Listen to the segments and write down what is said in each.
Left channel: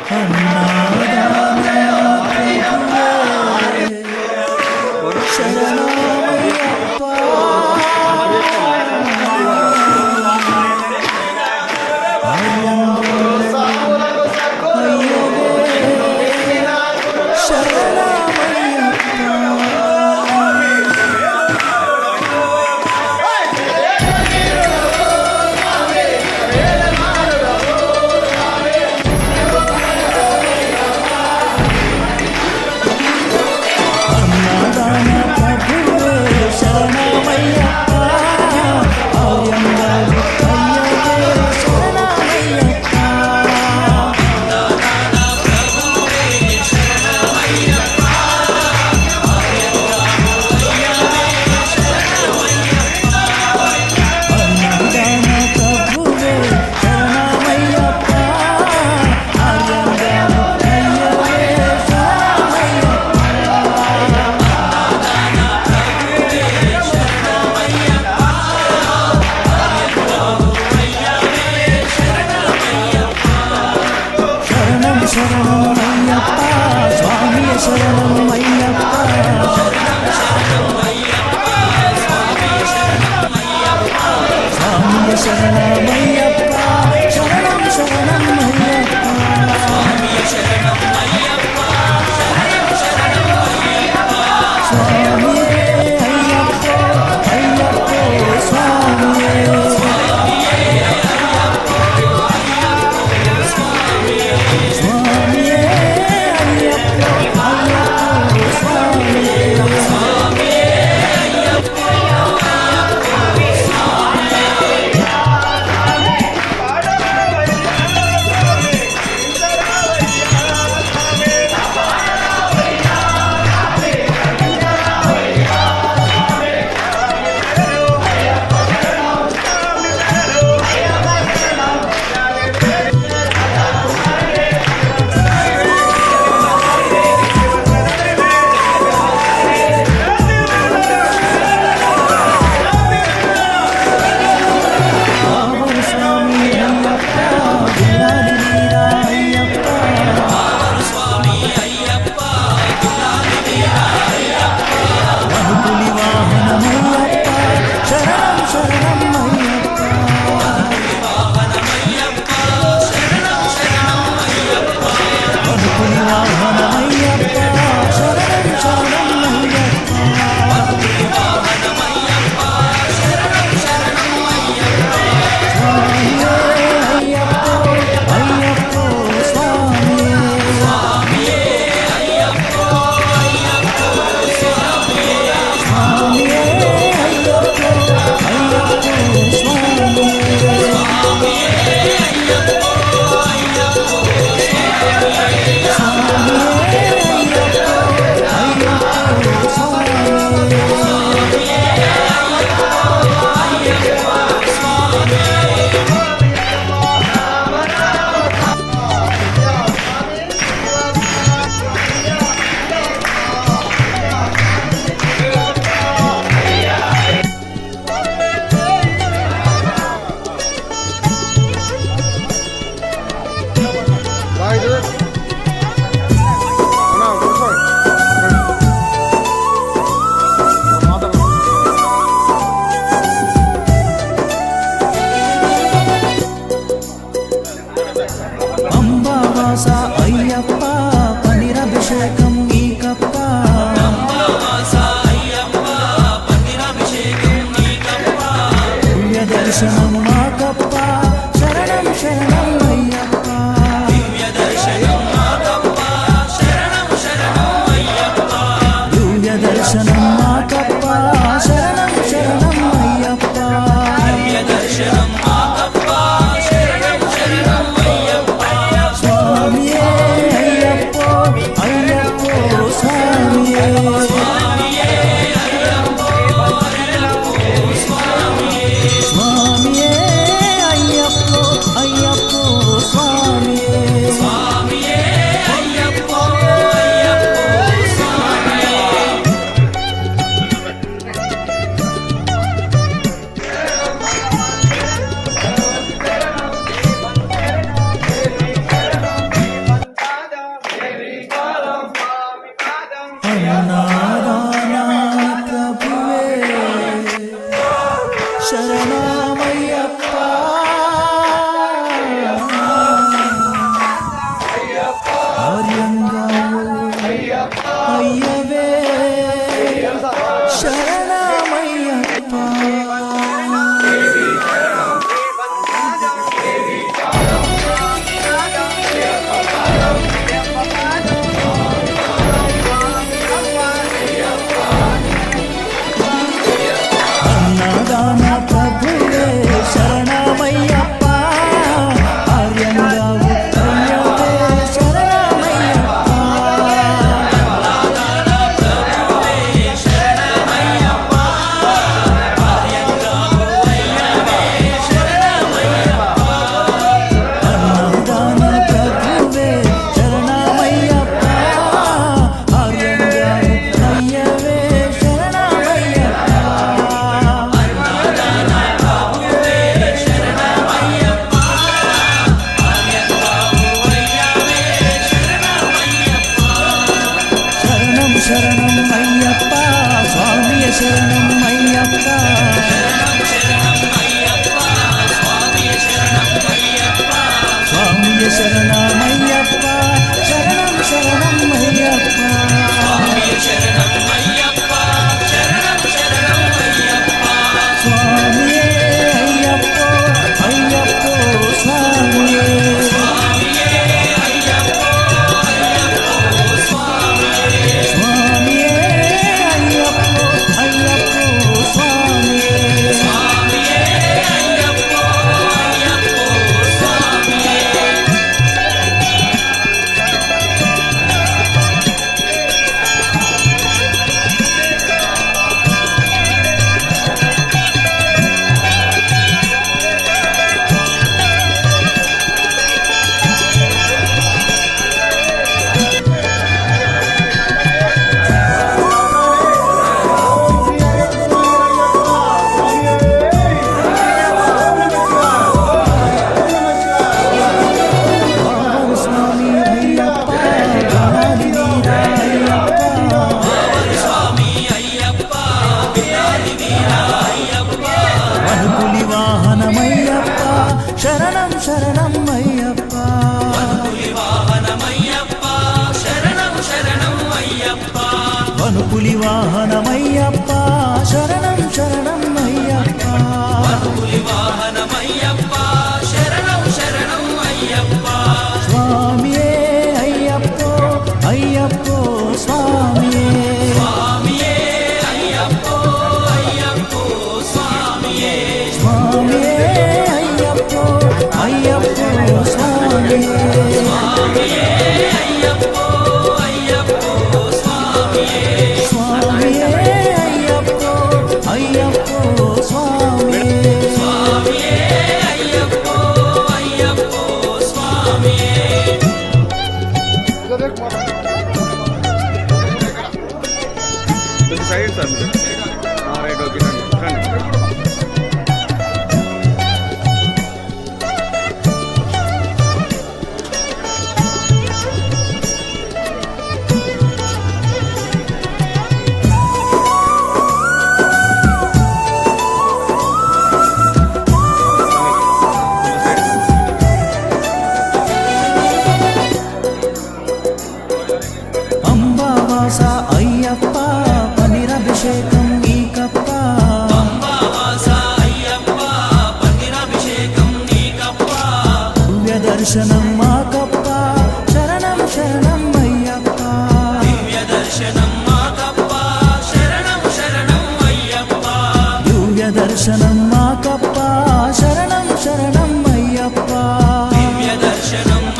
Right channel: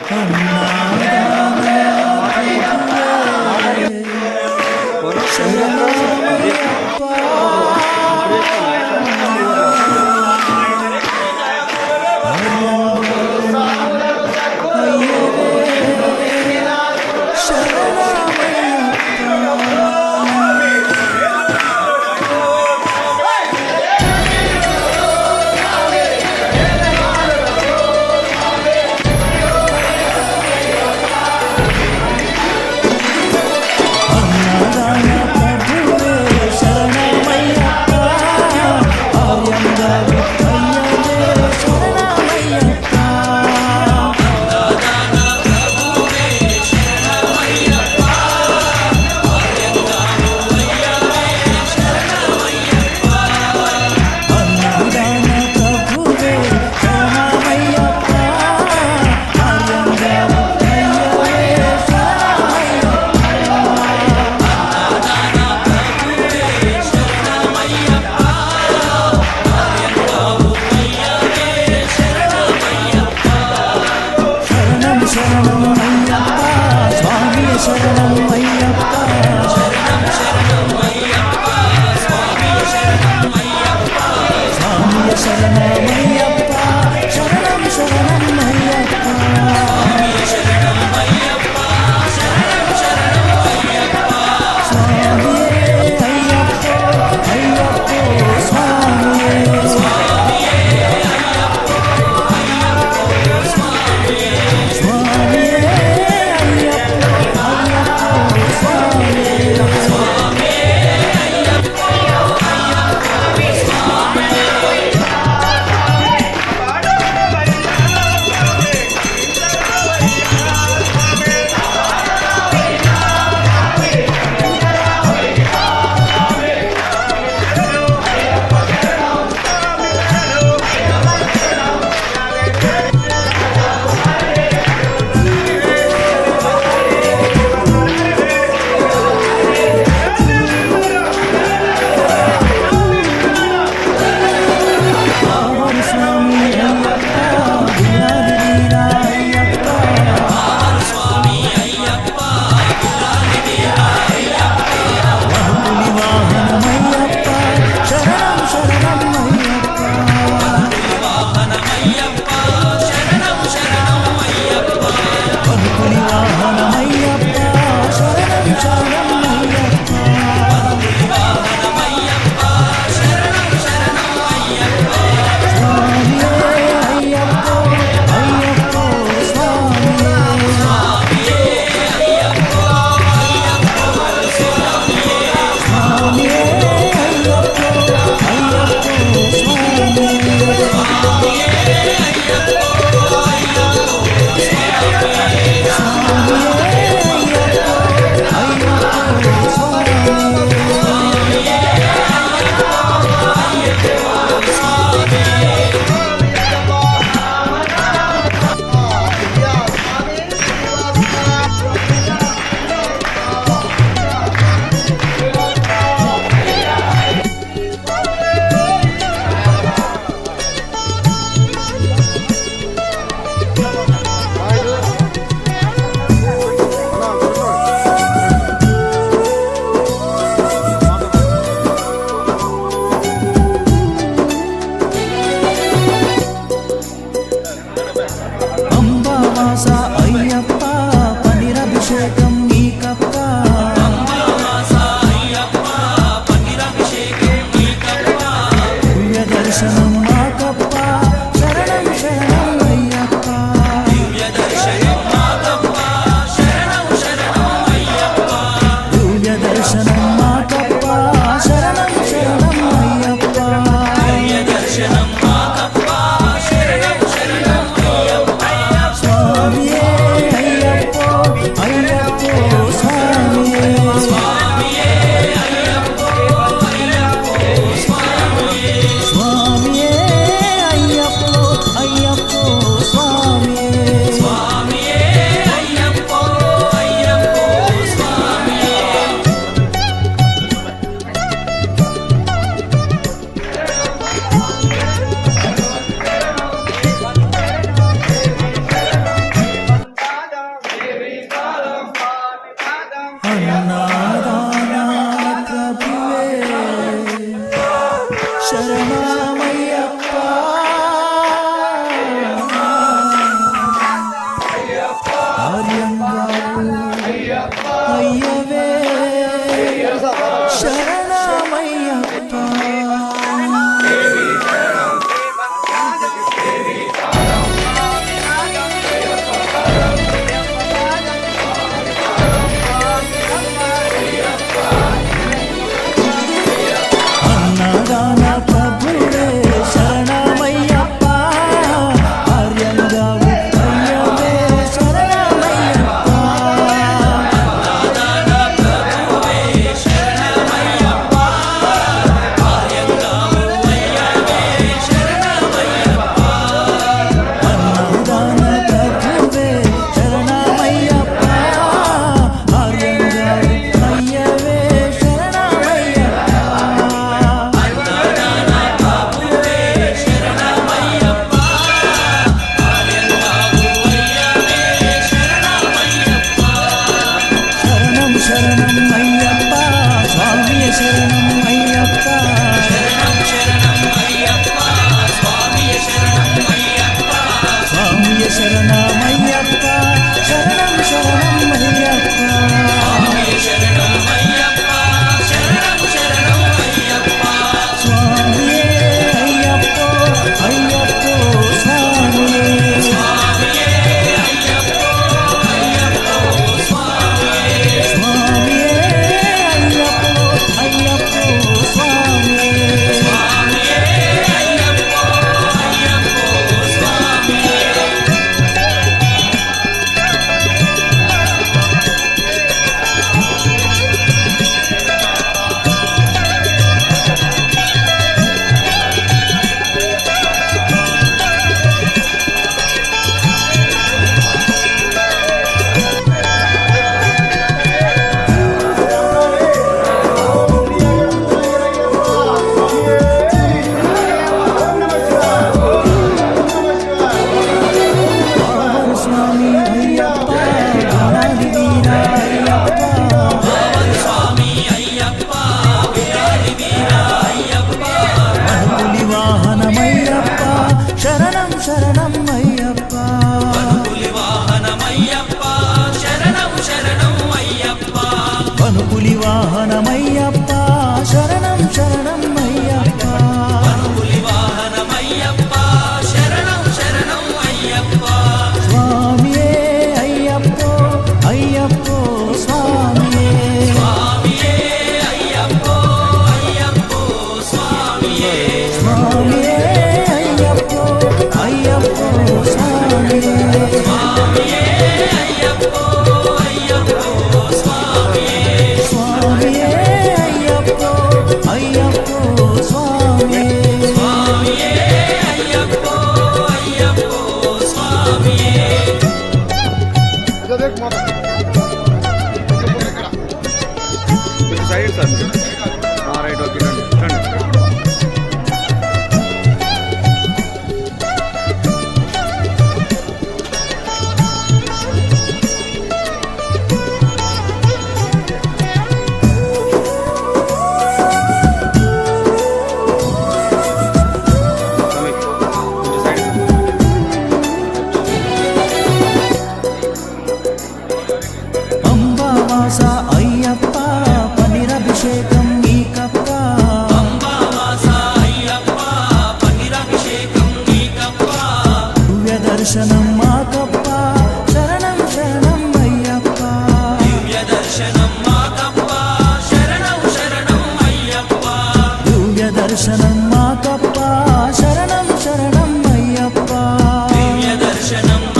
Oh, yeah. శరణమయ్యప్ప శరణం శరణం అయ్యప్ప. స్వామియే శరణం శరణం అభిషేకం నీకప్ప దివ్య దర్శనం మాకప్ప శరణం శరణం అయ్యప్ప. దివ్య దర్శనం మాకప్ప శరణం శరణం అయ్యప్ప. దర్శనం మాకప్ప స్వామియే అయ్యప్ప స్వామియ శరణమయ్యప్ప శరణం శరణం శరణం శరణం ఆ, రైట్ ఓకే రండి రండి కొంచెం సైడ్ సార్ అంబావాస అయ్యప్ప పనిరభిషేకం దివ్య దర్శనం మాకప్ప. శరణం శరణం అయ్యప్ప. దివ్య దర్శనం మాకప్ప. శరణం శరణం అయ్యప్ప. దర్శనం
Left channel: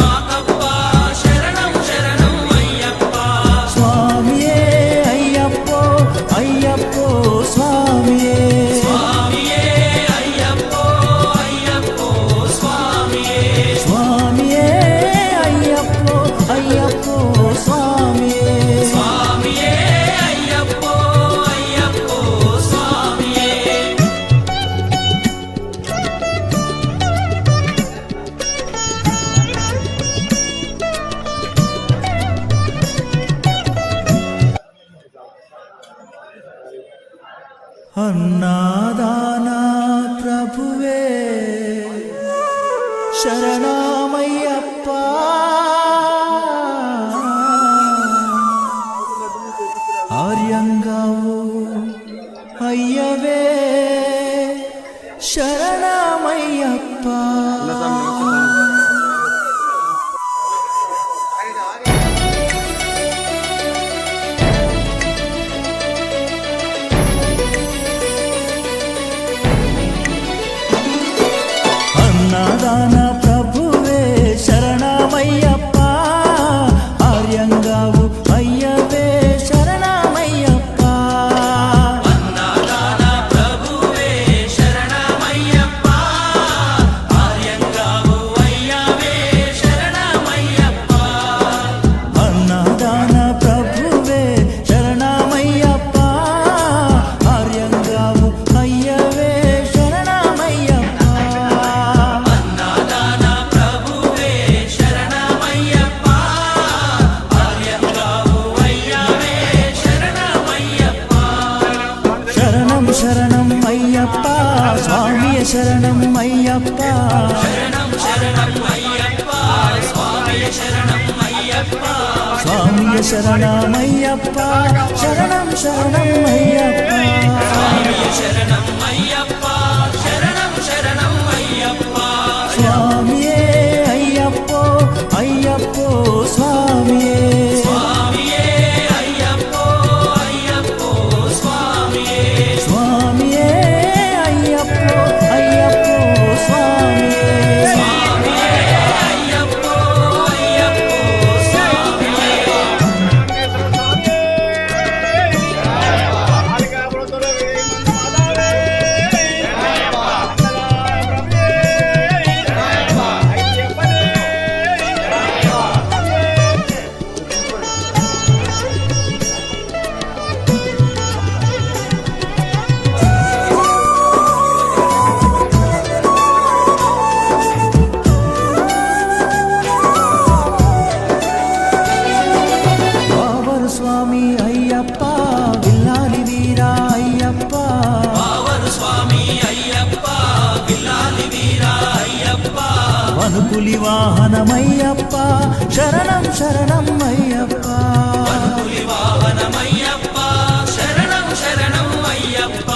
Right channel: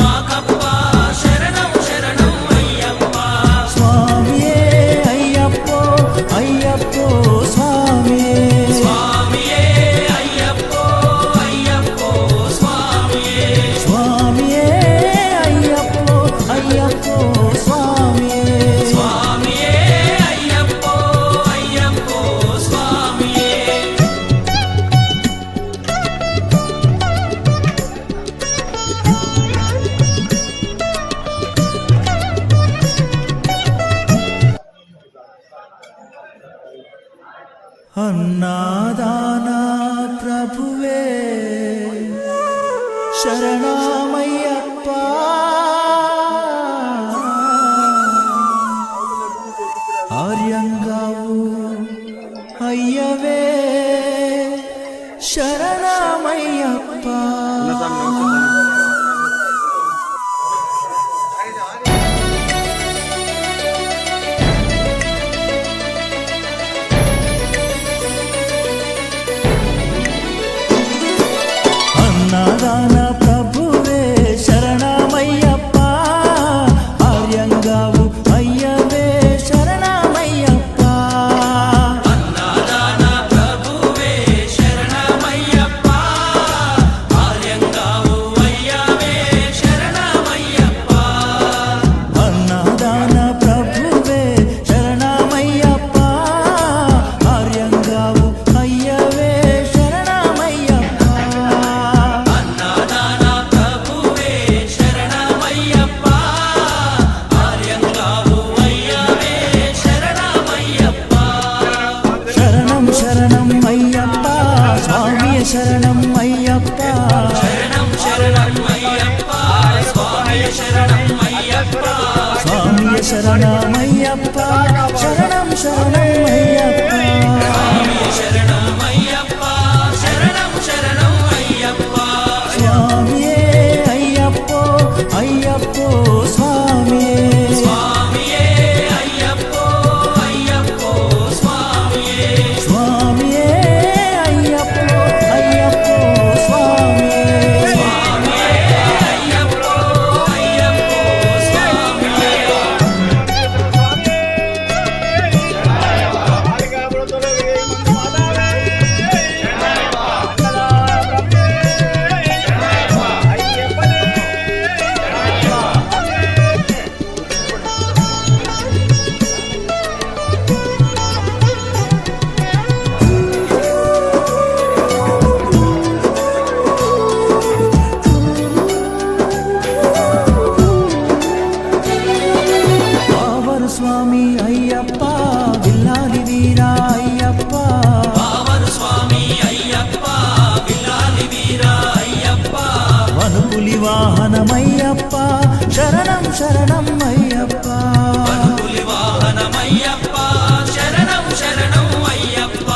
శరణమయ్యప్ప నాదాన ప్రభువే శరణమయ్యప్ప. ఆర్యంగా స్వామియ శరణమయ్యప్ప. శరణం శరణం అయ్యప్ప. స్వామియే అయ్యప్పో అయ్యప్పో స్వామియే. వావరు స్వామి అయ్యప్ప విల్లాలి వీరా అయ్యప్ప. వనుపులి వాహనమయ్యప్ప శరణం శరణం అయ్యప్ప.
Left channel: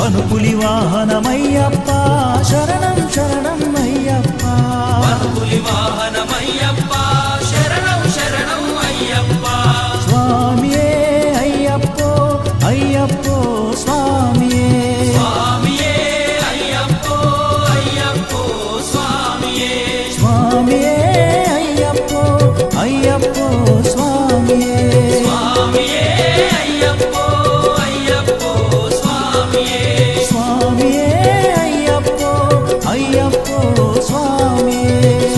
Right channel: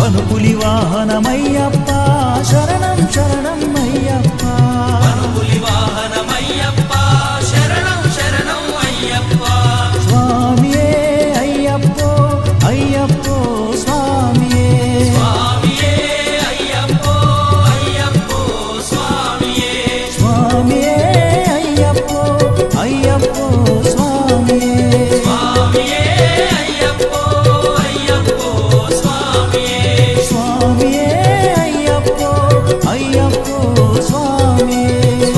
వనుపులి వాహనమయ్యప్ప శరణం శరణం అయ్యప్ప. అయ్యప్పో స్వామియే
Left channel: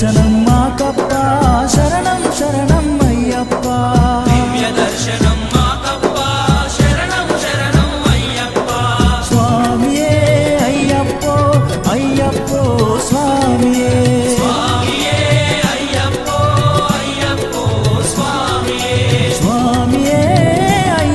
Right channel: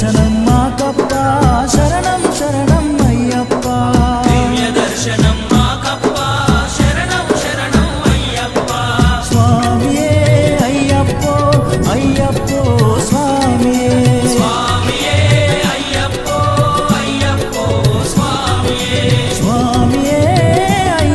దివ్య దర్శనం మాకప్ప శరణం శరణం అయ్యప్ప దర్శనం